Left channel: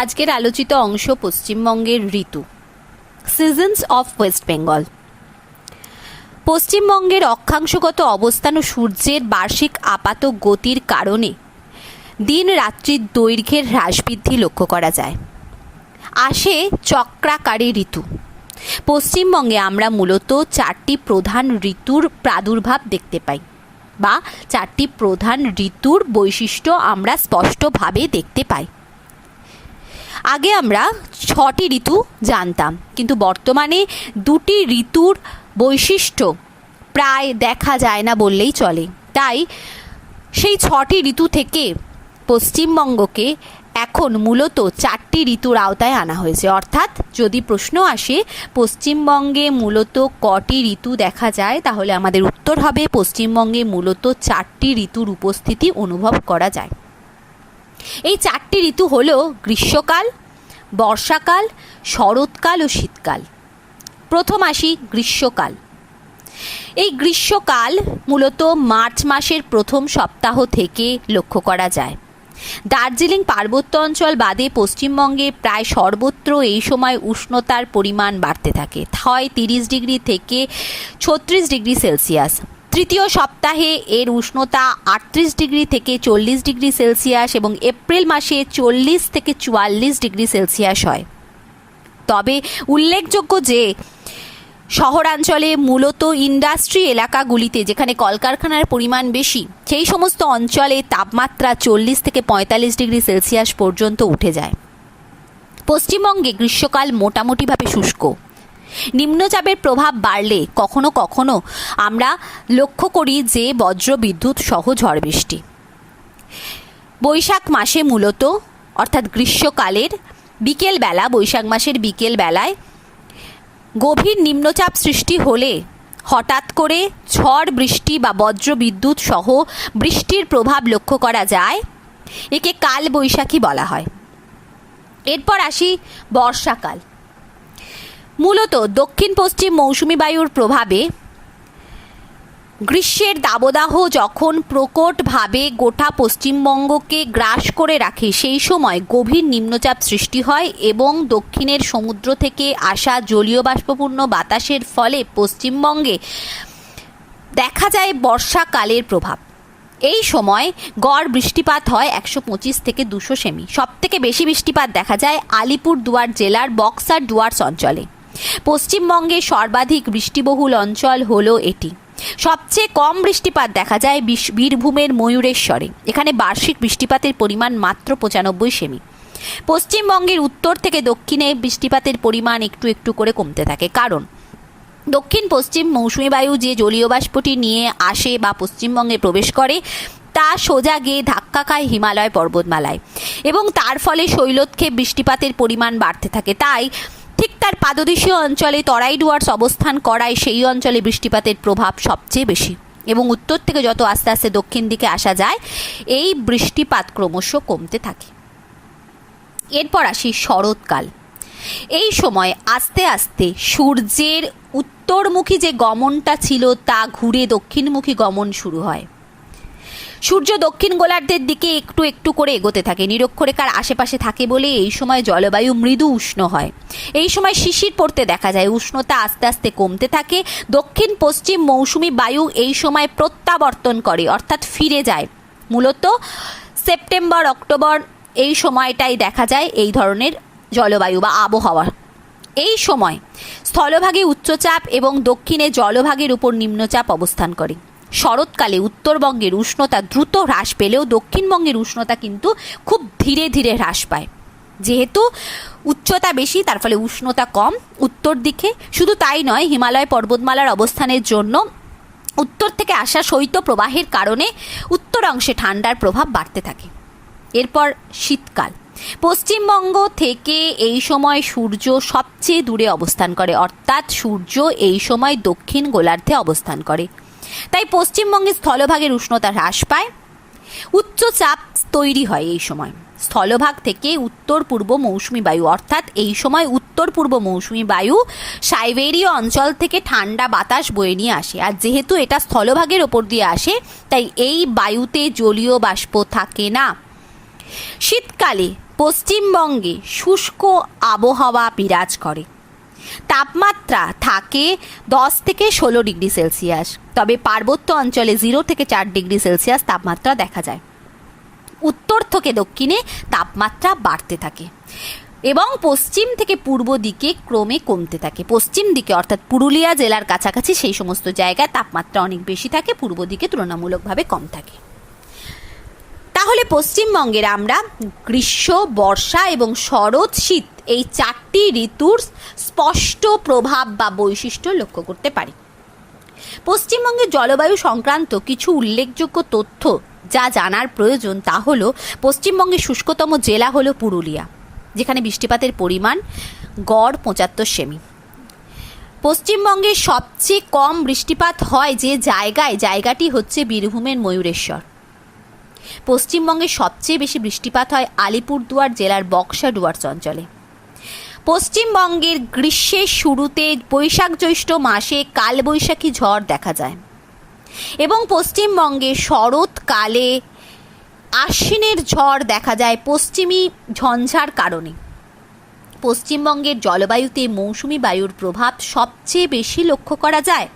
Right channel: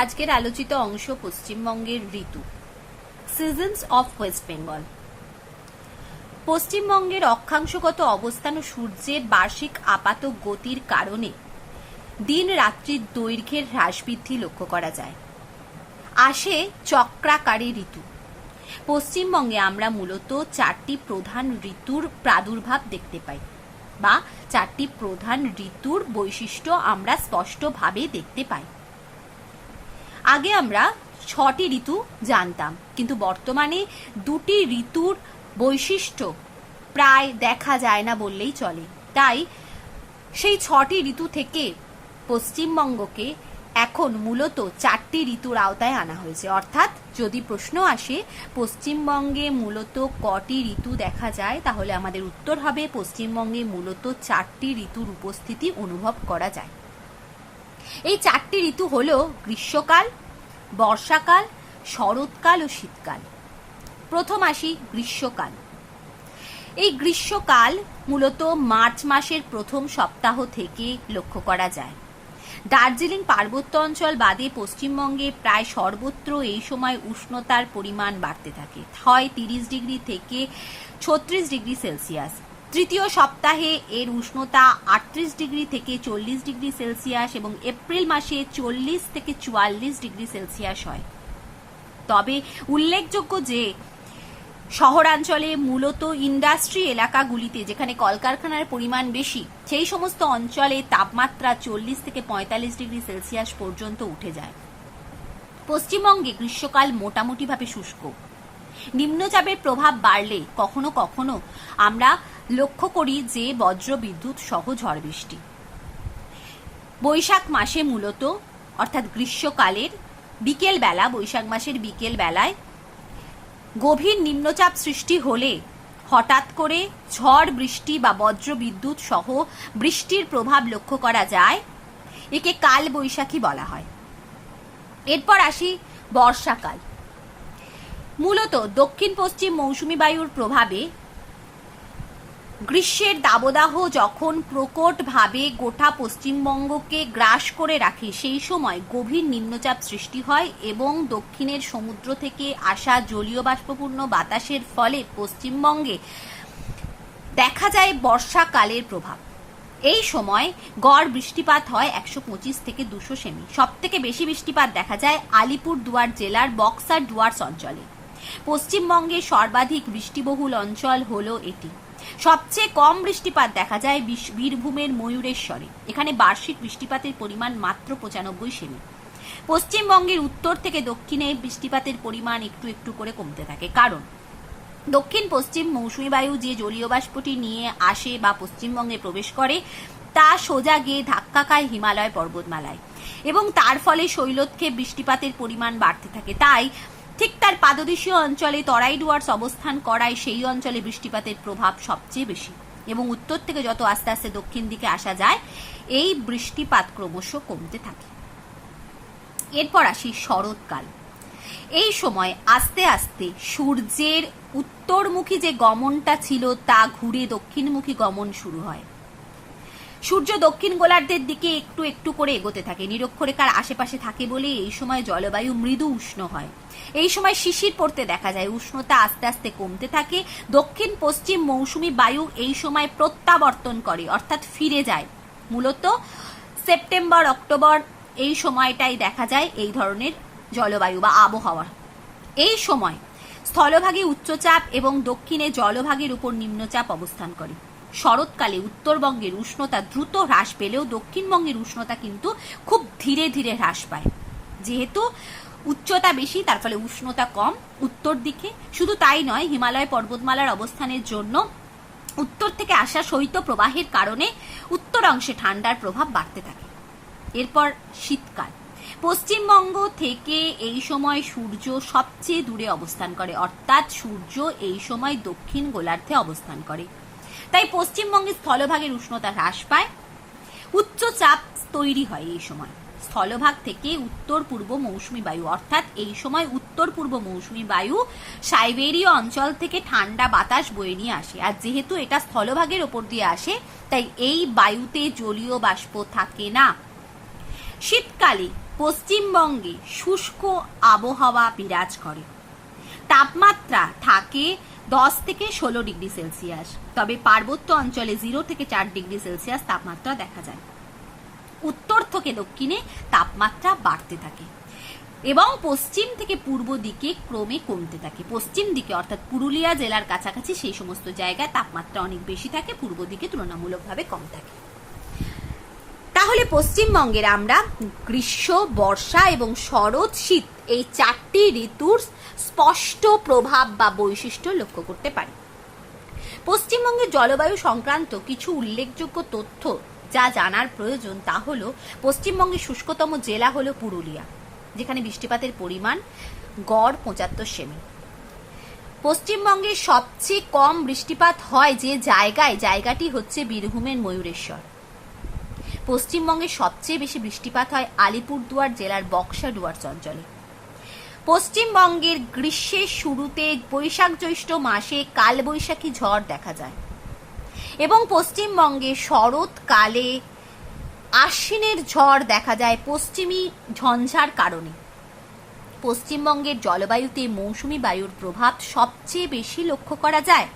আজকের আলোচিত অংশ পশ্চিমবঙ্গের ঋতু, সিজনস অফ ওয়েস্ট বেঙ্গল। পশ্চিমবঙ্গের অক্ষাংশগত অবস্থান ও সূর্যের বার্ষিক আপাত গতির কারণে দিন রাত্রির দৈর্ঘ্যের হ্রাস বৃদ্ধি লক্ষ্য করা যায়। আসে চক্রাকারে ঋতু। পশ্চিমবঙ্গে আমরা মূলত চারটি প্রধান ঋতুর প্রাদুর্ভাব দেখতে পাই, বা চারটি প্রধান ঋতুর বৈশিষ্ট্য আমরা স্পষ্টভাবে দেখতে পাই। আগে আমরা 6টি ঋতু জানতাম, কিন্তু বর্তমানে 2টি ঋতুর বৈশিষ্ট্য প্রায় দেখা যায় না বললেই চলে। তাই সেই 6টি ঋতু থেকে পশ্চিমবঙ্গকে এখন মূলত 4টি ঋতুর আওতায় আনা হয়েছে। অর্থাৎ যদি প্রশ্ন আসে পশ্চিমবঙ্গে মূলত কটি ঋতু দেখা যায়, তাহলে আমাদের উত্তর হবে পশ্চিমবঙ্গে মূলত 4টি ঋতুর উপস্থিতি অনুভব করা যায়। এই 4টি ঋতু হল গ্রীষ্মকাল, বর্ষাকাল, শরৎকাল ও শীতকাল। প্রথম আসি গ্রীষ্মকাল। এই গ্রীষ্মকাল মূলত মার্চ মাসের প্রথম সপ্তাহ থেকে লক্ষ্য করা যায়। দার্জিলিং পার্বত্য অঞ্চল বাদে পশ্চিমবঙ্গে প্রায় সর্বত্র এই সময় উষ্ণতার পরিমাণ বাড়তে থাকে, হয় 30 ডিগ্রি থেকে 36 ডিগ্রি সেলসিয়াস। তৃতীয় সপ্তাহে এর উষ্ণতা 38 ডিগ্রি থেকে 40 ডিগ্রি সেলসিয়াস এবং এপ্রিল মাসে 40 থেকে 44 ডিগ্রি সেলসিয়াস হয়। তবে উল্লেখযোগ্য যে শহরাঞ্চলে মূলত ইন্ডাস্ট্রি এলাকাগুলিতে যেখানে কলকারখানার পরিমাণ বেশি, সেই সমস্ত অঞ্চলে তাপমাত্রা 40 থেকে 45 ডিগ্রি সেলসিয়াস পর্যন্ত উঠে যায়। পশ্চিমবঙ্গে গ্রীষ্মকাল মোটামুটিভাবে শুষ্ক। নিম্নচাপের প্রভাব বাড়লে কখনো কখনো আমরা লক্ষ্য করি যে বজ্র বিদ্যুৎ সহ ঝড় বৃষ্টি। বৈশাখ মাসে মূলত অর্থাৎ গ্রীষ্মকালের বিকেলবেলা, বৈশাখ মাসের বিকেল বেলায় গভীর নিম্নচাপ সৃষ্টি হলে হঠাৎ করে ঝড় বৃষ্টি বা বজ্র বিদ্যুৎ সহ বৃষ্টির প্রভাব লক্ষ্য করা যায়। একে কাল বৈশাখী বলা হয়। এরপর আসি বর্ষাকাল। মূলত দক্ষিণ পশ্চিম মৌসুমি বায়ুর প্রভাবে গ্রীষ্মের দাবদাহ যখন প্রকটভাবে গোটা পশ্চিমবঙ্গকে গ্রাস করে রাখে, সেই সময় গভীর নিম্নচাপ সৃষ্টি হয় এবং দক্ষিণের সমুদ্র থেকে আসা জলীয় বাষ্পপূর্ণ বাতাসের ফলে পশ্চিমবঙ্গে দেখা যায় বর্ষাকালের প্রভাব। এই সময় গড় বৃষ্টিপাত হয় 125 থেকে 200 সেমি। সবথেকে বেশি বৃষ্টিপাত দেখা যায় আলিপুরদুয়ার জেলার বক্সার ডুয়ার্স অঞ্চলে। পশ্চিমবঙ্গে সর্বাধিক বৃষ্টিবহুল অঞ্চল হলো এটি। সবচেয়ে কম বৃষ্টিপাত দেখা যায় বীরভূমের ময়ূরেশ্বরে। এখানে বার্ষিক বৃষ্টিপাতের পরিমাণ মাত্র 95 সেমি। পশ্চিমবঙ্গের উত্তর থেকে দক্ষিণে বৃষ্টিপাতের পরিমাণ একটু একটু করে কমতে থাকে, কারণ দক্ষিণ পশ্চিম মৌসুমি বায়ু যে জলীয় বাষ্পটি নিয়ে আসে বা পশ্চিমবঙ্গে প্রবেশ করে, তা সোজা গিয়ে ধাক্কা খায় হিমালয় পর্বতমালায় এবং তার ফলে শৈলক্ষেপ বৃষ্টিপাতের পরিমাণ বাড়তে থাকে। তাই ঠিক তার পাদদেশীয় অঞ্চলে তরাই ডুয়ার্স অবস্থান করায় সেই অঞ্চলে বৃষ্টিপাতের প্রভাব সবচেয়ে বেশি এবং উত্তর থেকে যত আস্তে আস্তে দক্ষিণ দিকে আসা যায়, এই বৃষ্টিপাত ক্রমশ কমতে থাকে। এরপর আসি শরৎকাল। এই সময় আস্তে আস্তে সূর্যের উত্তরমুখী যে গমনটা ছিল তা ঘুরে দক্ষিণমুখী গমন শুরু হয়। সূর্য দক্ষিণ গোলার্ধের দিকে একটু একটু করে এগোতে থাকে, নিরক্ষরেখার আশেপাশে থাকে বলে এই সময় জলবায়ু মৃদু উষ্ণ হয়। এই সময় শিশির পড়তে দেখা যায়, উষ্ণতা আস্তে আস্তে কমতে থাকে। দক্ষিণ পশ্চিম মৌসুমি বায়ু এই সময় প্রত্যাবর্তন করে, অর্থাৎ ফিরে যায়। মূলত সেপ্টেম্বর অক্টোবর এই সময়টাই দেখা যায় এই ধরনের জলবায়ু বা আবহাওয়া। এই সময় স্থলভাগে উচ্চচাপ এবং দক্ষিণে জলভাগের উপর নিম্নচাপ অবস্থান করে। শরৎকালে উত্তরবঙ্গের উষ্ণতা দ্রুত হ্রাস পেলেও দক্ষিণবঙ্গের উষ্ণতা কিন্তু খুব ধীরে ধীরে হ্রাস পায়। যেহেতু উচ্চতা বেশি, তার ফলে উষ্ণতা কম উত্তর দিকে। শুধু তাই নয়, হিমালয় পর্বতমালার অবস্থানের জন্য উত্তর থেকে আসা শৈত্য প্রবাহের কারণে উত্তর অংশে ঠান্ডার প্রভাব বাড়তে থাকে। এরপর শীতকাল। পশ্চিমবঙ্গ থেকে এই সময় সূর্য সবচেয়ে দূরে অবস্থান করে, অর্থাৎ সূর্য এই সময় দক্ষিণ গোলার্ধে অবস্থান করে। তাই পশ্চিমবঙ্গের স্থলভাগের উষ্ণতা হ্রাস পায়, উচ্চচাপ তৈরি হয়। এই সময় স্থলভাগ থেকে উত্তর পূর্ব মৌসুমি বায়ু, অর্থাৎ এই সময় উত্তর পূর্ব মৌসুমি বায়ু সাইবেরীয় অঞ্চল থেকে ঠান্ডা বাতাস বয়ে নিয়ে আসে। আর যেহেতু এটা স্থলভাগের ওপর দিয়ে আসে, তাই এই বায়ুতে জলীয় বাষ্প থাকে না। শীতকালে পশ্চিমবঙ্গে শুষ্ক আবহাওয়া বিরাজ করে। তাপমাত্রা থাকে 10 থেকে 16 ডিগ্রি সেলসিয়াস, তবে পার্বত্য অঞ্চলে 0 থেকে 4 ডিগ্রি সেলসিয়াস তাপমাত্রা দেখা যায়। উত্তর থেকে দক্ষিণে তাপমাত্রা বাড়তে থাকে এবং পশ্চিম থেকে পূর্ব দিকে ক্রমে কমতে থাকে। পশ্চিম দিকে অর্থাৎ পুরুলিয়া জেলার কাছাকাছি সেই সমস্ত জায়গায় তাপমাত্রা অনেক বেশি থাকে, পূর্ব দিকে তুলনামূলকভাবে কম থাকে। তাহলে পশ্চিমবঙ্গের আমরা গ্রীষ্ম, বর্ষা এবং শরৎ, শীত এই 4টি ঋতুর স্পষ্ট প্রভাব বা বৈশিষ্ট্য লক্ষ্য করতে পারি। পশ্চিমবঙ্গের জলবায়ু সংক্রান্ত কিছু উল্লেখযোগ্য তথ্য যা জানার প্রয়োজন তা হলো, পশ্চিমবঙ্গের শুষ্কতম জেলা হলো পুরুলিয়া, যেখানে বৃষ্টিপাতের পরিমাণ গড় 75 সেমি। পশ্চিমবঙ্গে সবচেয়ে কম বৃষ্টিপাত হয় যে জায়গাটি হচ্ছে বীরভূমের ময়ূরেশ্বর। পশ্চিমবঙ্গে সবচেয়ে বেশি বৃষ্টিপাত হয় আলিপুরদুয়ার জেলার বক্সা ডুয়ার্স অঞ্চলে। পশ্চিমবঙ্গের গ্রীষ্মের শুরুতে বৈশাখ জ্যৈষ্ঠ মাসে কালবৈশাখী ঝড় দেখা যায় এবং পশ্চিমবঙ্গে শরৎকালে আশ্বিনের ঝড় দেখা যায় পশ্চিমী ঝঞ্ঝার কারণে। পশ্চিমবঙ্গের জলবায়ুতে মৌসুমী বায়ুর প্রভাব সবচেয়ে বেশি লক্ষ্য করা যায়।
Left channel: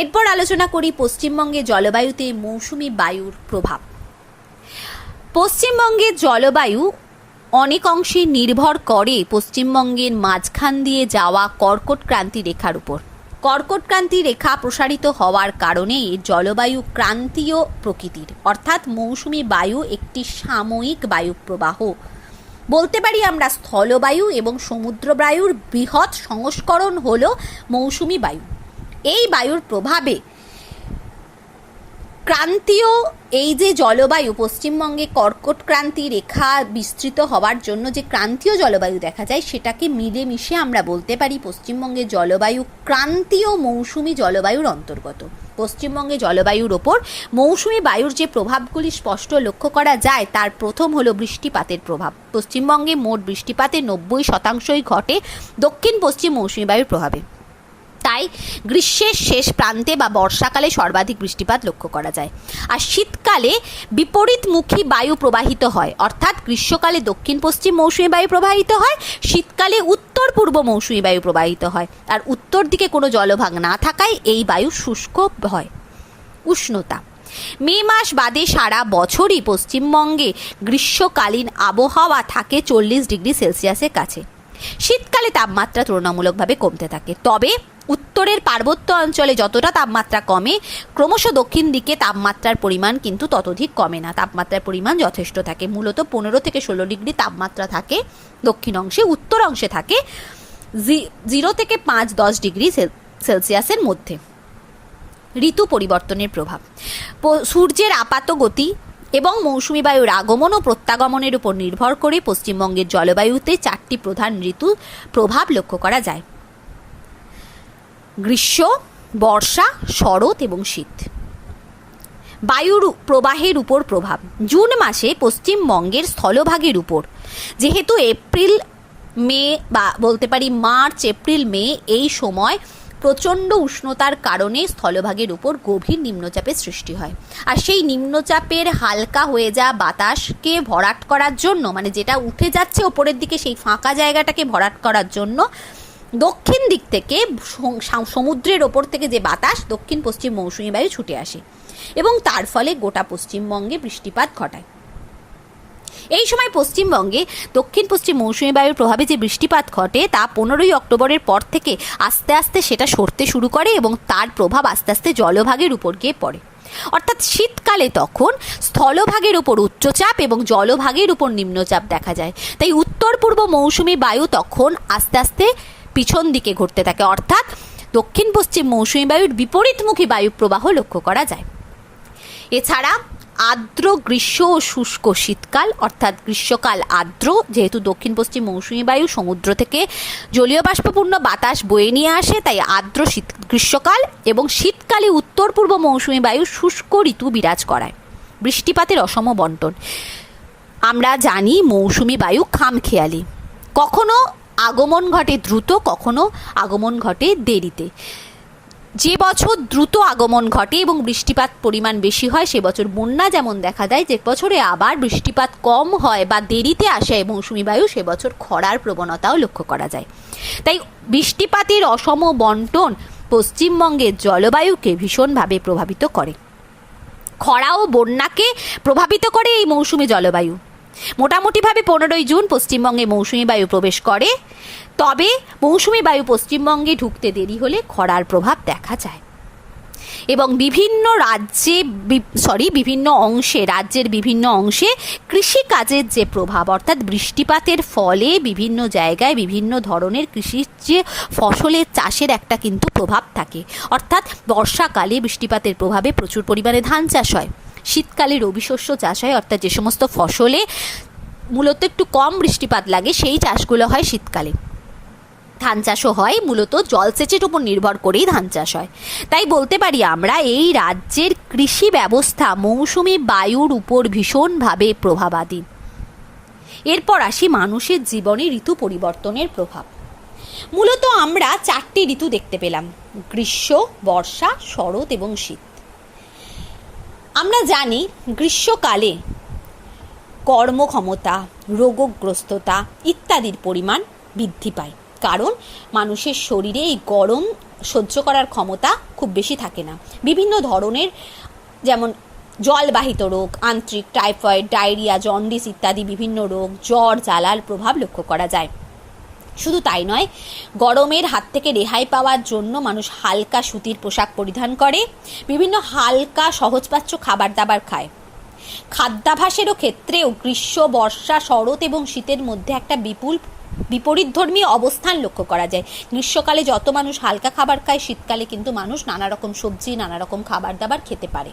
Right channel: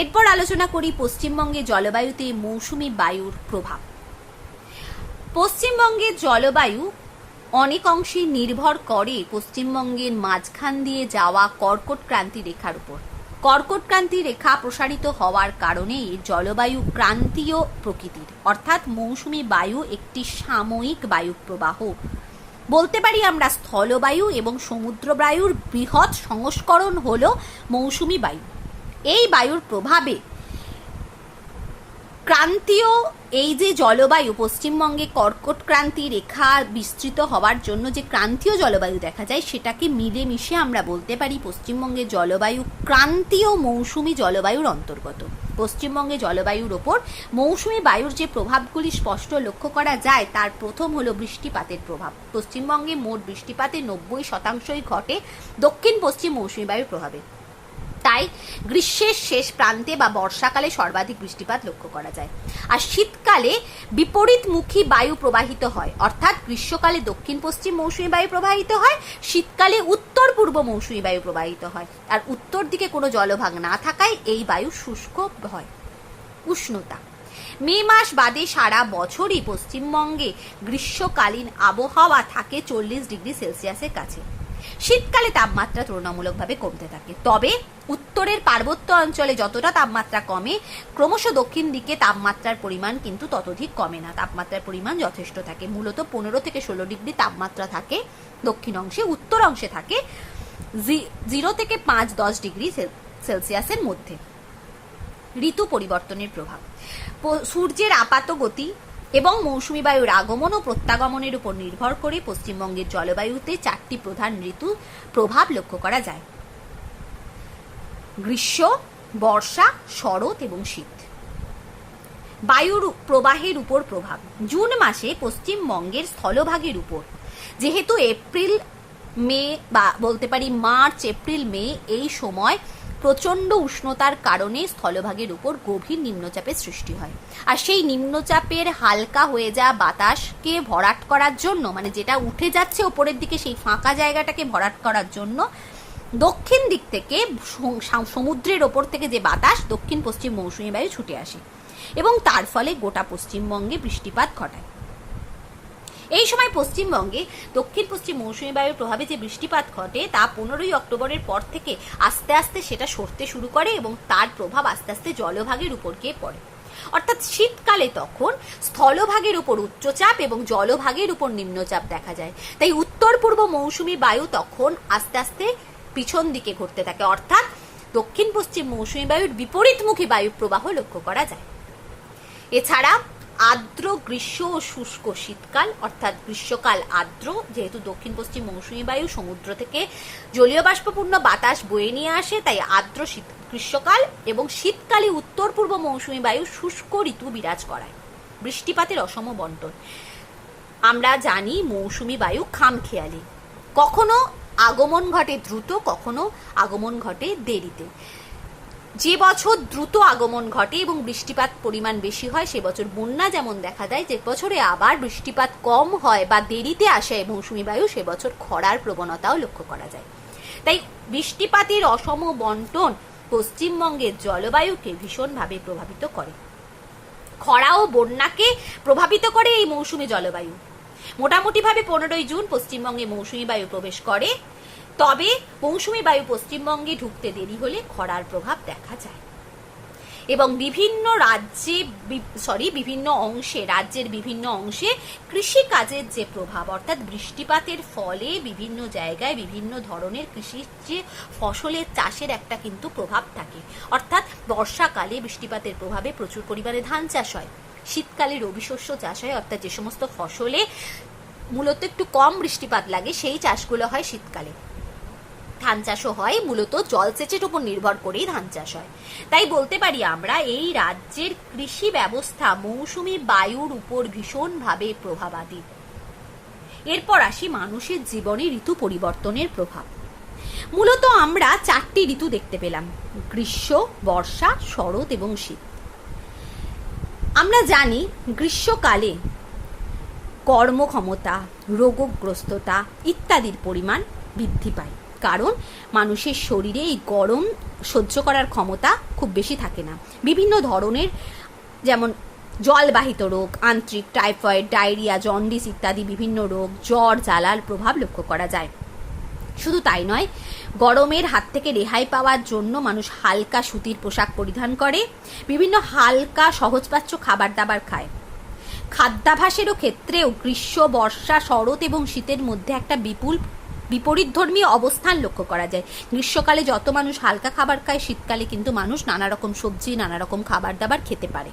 এরপর আলোচনা করি পশ্চিমবঙ্গের জলবায়ুতে মৌসুমী বায়ুর প্রভাব। পশ্চিমবঙ্গের জলবায়ু অনেক অংশে নির্ভর করে পশ্চিমবঙ্গের মাঝখান দিয়ে যাওয়া কর্কট ক্রান্তি রেখার উপর। কর্কট ক্রান্তি রেখা প্রসারিত হওয়ার কারণে জলবায়ু ক্রান্তীয় প্রকৃতির, অর্থাৎ মৌসুমী বায়ু একটি সাময়িক বায়ু প্রবাহ। বলতে পারি আমরা স্থলবায়ু এবং সমুদ্র বায়ুর বৃহৎ সংস্করণ হল মৌসুমী বায়ু। এই বায়ুর প্রভাবে ক্রান্তীয় এই যে জলবায়ু, পশ্চিমবঙ্গে কর্কট ক্রান্তি রেখা বিস্তৃত হওয়ার জন্য যে ক্রান্তীয় জলবায়ু দেখা যায়, সেটাকে মিলেমিশে আমরা বলতে পারি পশ্চিমবঙ্গের জলবায়ু ক্রান্তীয় মৌসুমী জলবায়ুর অন্তর্গত। পশ্চিমবঙ্গে জলবায়ুর ওপর মৌসুমী বায়ুর যে প্রভাবগুলি স্পষ্ট লক্ষ্য করা যায়, তার প্রথম হলো বৃষ্টিপাতের প্রভাব। পশ্চিমবঙ্গে মোট বৃষ্টিপাতের 90% ঘটে দক্ষিণ পশ্চিম মৌসুমী বায়ুর প্রভাবে। তাই গ্রীষ্মের শেষ প্রান্তে বা বর্ষাকালে সর্বাধিক বৃষ্টিপাত লক্ষ্য করা যায়। আর শীতকালে বিপরীতমুখী বায়ু প্রবাহিত হয়, অর্থাৎ গ্রীষ্মকালে দক্ষিণ পশ্চিম মৌসুমী বায়ু প্রবাহিত হয়, শীতকালে উত্তর পূর্ব মৌসুমী বায়ু প্রবাহিত হয়। আর উত্তর দিকে কোনো জলভাগ না থাকায় এই বায়ু শুষ্ক হয়। উষ্ণতা মে মাস বাদে সারা বছরই পশ্চিমবঙ্গে গ্রীষ্মকালীন আবহাওয়া থাকে 40 ডিগ্রি সেলসিয়াসের কাছে। শীতকালে তাপমাত্রা তুলনামূলকভাবে কমতে থাকে, তবে উত্তরের পার্বত্য অঞ্চলে যতটা তাপমাত্রা কমে, ক্রমশ দক্ষিণ দিকে তাপমাত্রার পরিমাণ কিন্তু ততোধিক কমে না। তাপমাত্রার পরিমাণ যথেষ্ট থাকে, মূলত 15 থেকে 16 ডিগ্রি তাপমাত্রা থাকে দক্ষিণ অংশে, উত্তর অংশে থাকে 0 থেকে 5-10 ডিগ্রি সেলসিয়াসের মধ্যে। ঋতু পরিবর্তনের প্রভাব সূর্যের আপাত গতি এবং মৌসুমী বায়ুর আগমন ও প্রত্যাগমনের উপর নির্ভর করে পশ্চিমবঙ্গের জলবায়ুতে 4টি প্রধান ঋতু প্রভাব লক্ষ্য করা যায়: গ্রীষ্ম, বর্ষা, শরৎ এবং শীত। বায়ুর প্রবাহের উপর প্রভাব জুন মাসে পশ্চিমবঙ্গের স্থলভাগের উপর, যেহেতু এপ্রিল মে বা বলতে পারি মার্চ এপ্রিল মে এই সময় প্রচণ্ড উষ্ণতার কারণে স্থলভাগের উপর গভীর নিম্নচাপের সৃষ্টি হয়। আর সেই নিম্নচাপের হালকা হয়ে যাওয়া বাতাসকে ভরাট করার জন্য, মানে যেটা উঠে যাচ্ছে ওপরের দিকে, সেই ফাঁকা জায়গাটাকে ভরাট করার জন্য দক্ষিণ দিক থেকে সমুদ্রের ওপর থেকে যে বাতাস দক্ষিণ পশ্চিম মৌসুমী বায়ু ছুটে আসে এবং তার ফলে গোটা পশ্চিমবঙ্গে বৃষ্টিপাত ঘটায়। এই সময় পশ্চিমবঙ্গে দক্ষিণ পশ্চিম মৌসুমী বায়ুর প্রভাবে যে বৃষ্টিপাত ঘটে তা 15ই অক্টোবরের পর থেকে আস্তে আস্তে সেটা সরতে শুরু করে এবং তার প্রভাব আস্তে আস্তে জলভাগের উপর গিয়ে পড়ে। অর্থাৎ শীতকালে তখন স্থলভাগের উপর উচ্চচাপ এবং জলভাগের উপর নিম্নচাপ দেখা যায়। তাই উত্তর পূর্ব মৌসুমী বায়ু তখন আস্তে আস্তে পিছন দিকে ঘুরতে থাকে, অর্থাৎ দক্ষিণ পশ্চিম মৌসুমী বায়ুর বিপরীতমুখী বায়ু প্রবাহ লক্ষ্য করা যায়। এছাড়া আর্দ্র গ্রীষ্ম ও শুষ্ক শীতকাল, অর্থাৎ গ্রীষ্মকাল আর্দ্র, যেহেতু দক্ষিণ পশ্চিম মৌসুমী বায়ু সমুদ্র থেকে জলীয় বাষ্পপূর্ণ বাতাস বয়ে নিয়ে আসে, তাই আর্দ্র গ্রীষ্মকাল, এবং শীতকালে উত্তর পূর্ব মৌসুমী বায়ু শুষ্ক ঋতু বিরাজ করায়। বৃষ্টিপাতের অসম বন্টন আমরা জানি মৌসুমী বায়ু খামখেয়ালি, কখনো আগমন ঘটে দ্রুত, কখনো আগমন ঘটে দেরিতে। যে বছর দ্রুত আগমন ঘটে এবং বৃষ্টিপাত পরিমাণ বেশি হয় সে বছর বন্যা যেমন দেখা দেয়, যে বছরে আবার বৃষ্টিপাত কম হয় বা দেরিতে আসে মৌসুমি বায়ু সে বছর খরার প্রবণতাও লক্ষ্য করা যায়। তাই বৃষ্টিপাতের অসম বন্টন পশ্চিমবঙ্গের জলবায়ুকে ভীষণভাবে প্রভাবিত করে। খরা ও বন্যাকে প্রভাবিত করে এই মৌসুমি জলবায়ু। মোটামুটিভাবে 15ই জুন পশ্চিমবঙ্গে মৌসুমি বায়ু প্রবেশ করে, তবে মৌসুমি বায়ু পশ্চিমবঙ্গে ঢুকতে দেরি হলে খরার প্রভাব দেখা যায় এবং রাজ্যের বিভিন্ন অংশে কৃষিকাজের যে প্রভাব, অর্থাৎ বৃষ্টিপাতের ফলে বিভিন্ন জায়গায় বিভিন্ন ধরনের কৃষির যে ফসলের চাষের একটা কিন্তু প্রভাব থাকে। অর্থাৎ বর্ষাকালে বৃষ্টিপাতের প্রভাবে প্রচুর পরিমাণে ধান চাষ হয়, শীতকালে রবি শস্য চাষ হয়, অর্থাৎ যে সমস্ত ফসলে মূলত একটু কম বৃষ্টিপাত লাগে সেই চাষগুলো হয় শীতকালে। ধান চাষও হয়, মূলত জলসেচের উপর নির্ভর করেই ধান চাষ হয়। তাই বলতে পারি আমরা এই রাজ্যের কৃষি ব্যবস্থা মৌসুমি বায়ুর উপর ভীষণভাবে প্রভাবাধীন। এরপর আসি মানুষের জীবনে ঋতু পরিবর্তনের প্রভাব। মূলত আমরা 4টি ঋতু দেখতে পেলাম: গ্রীষ্ম, বর্ষা, শরৎ এবং শীত। আমরা জানি গ্রীষ্মকালে কর্মক্ষমতা, রোগগ্রস্ততা ইত্যাদির পরিমাণ বৃদ্ধি পায়, কারণ মানুষের শরীরে এই গরম সহ্য করার ক্ষমতা খুব বেশি থাকে না। বিভিন্ন ধরনের যেমন জলবাহিত রোগ, আন্ত্রিক, টাইফয়েড, ডায়রিয়া, জন্ডিস ইত্যাদি বিভিন্ন রোগ, জ্বর, জ্বালার প্রভাব লক্ষ্য করা যায়। শুধু তাই নয়, গরমের হাত থেকে রেহাই পাওয়ার জন্য মানুষ হালকা সুতির পোশাক পরিধান করে, বিভিন্ন হালকা সহজপাচ্য খাবার দাবার খায়। খাদ্যাভ্যাসেরও ক্ষেত্রেও গ্রীষ্ম, বর্ষা, শরৎ এবং শীতের মধ্যে একটা বিপরীতধর্মী অবস্থান লক্ষ্য করা যায়। গ্রীষ্মকালে যত মানুষ হালকা খাবার খায়, শীতকালে কিন্তু মানুষ নানা রকম সবজি, নানা রকম খাবার দাবার খেতে পারে।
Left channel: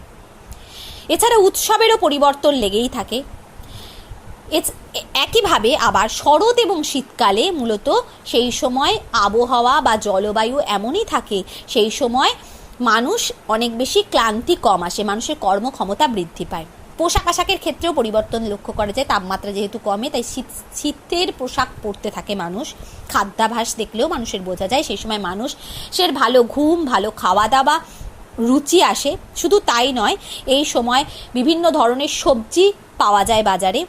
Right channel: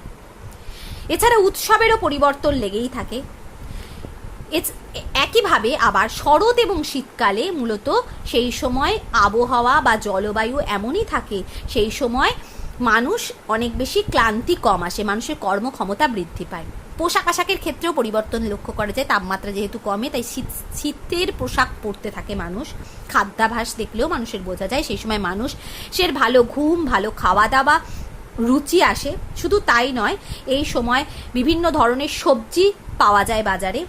এছাড়া উৎসবেরও পরিবর্তন লেগেই থাকে। একইভাবে আবার শরৎ এবং শীতকালে মূলত সেই সময় আবহাওয়া বা জলবায়ু এমনই থাকে, সেই সময় মানুষ অনেক বেশি ক্লান্তি কম আসে, মানুষের কর্মক্ষমতা বৃদ্ধি পায়। পোশাক আশাকের ক্ষেত্রেও পরিবর্তন লক্ষ্য করা যায়, তাপমাত্রা যেহেতু কমে তাই শীতের পোশাক পরতে থাকে মানুষ। খাদ্যাভ্যাস দেখলেও মানুষের বোঝা যায় সেই সময় মানুষের ভালো ঘুম, ভালো খাওয়া দাওয়া রুচি আসে। শুধু তাই নয়, এই সময় বিভিন্ন ধরনের সবজি পাওয়া যায় বাজারে,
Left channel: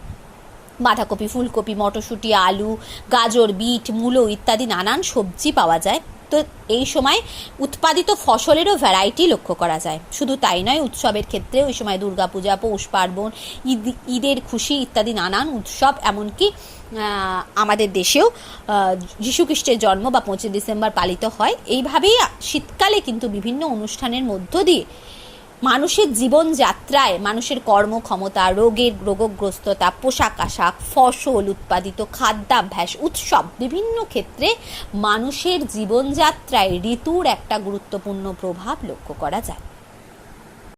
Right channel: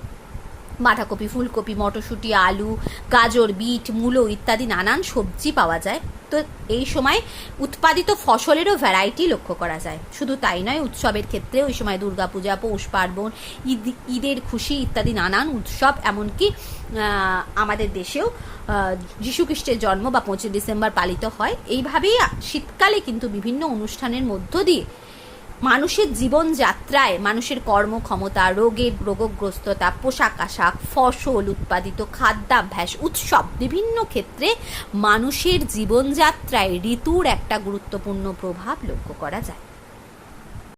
বাঁধাকপি, ফুলকপি, মটরশুঁটি, আলু, গাজর, বিট, মূলো ইত্যাদি নানান সবজি পাওয়া যায়। তো এই সময় উৎপাদিত ফসলেরও ভ্যারাইটি লক্ষ্য করা যায়। শুধু তাই নয়, উৎসবের ক্ষেত্রেও এই সময় দুর্গাপূজা, পৌষ পার্বণ, ঈদের খুশি ইত্যাদি নানান উৎসব, এমনকি আমাদের দেশেও যীশুখ্রিস্টের জন্ম বা 25 ডিসেম্বর পালিত হয়। এইভাবেই শীতকালে কিন্তু বিভিন্ন অনুষ্ঠানের মধ্য দিয়ে মানুষের জীবনযাত্রায় মানুষের কর্মক্ষমতা, রোগগ্রস্ততা, পোশাক আশাক, ফসল উৎপাদিত, খাদ্যাভ্যাস, উৎসব বিভিন্ন ক্ষেত্রে মানুষের জীবনযাত্রায় ঋতুর একটা গুরুত্বপূর্ণ প্রভাব লক্ষ্য করা যায়।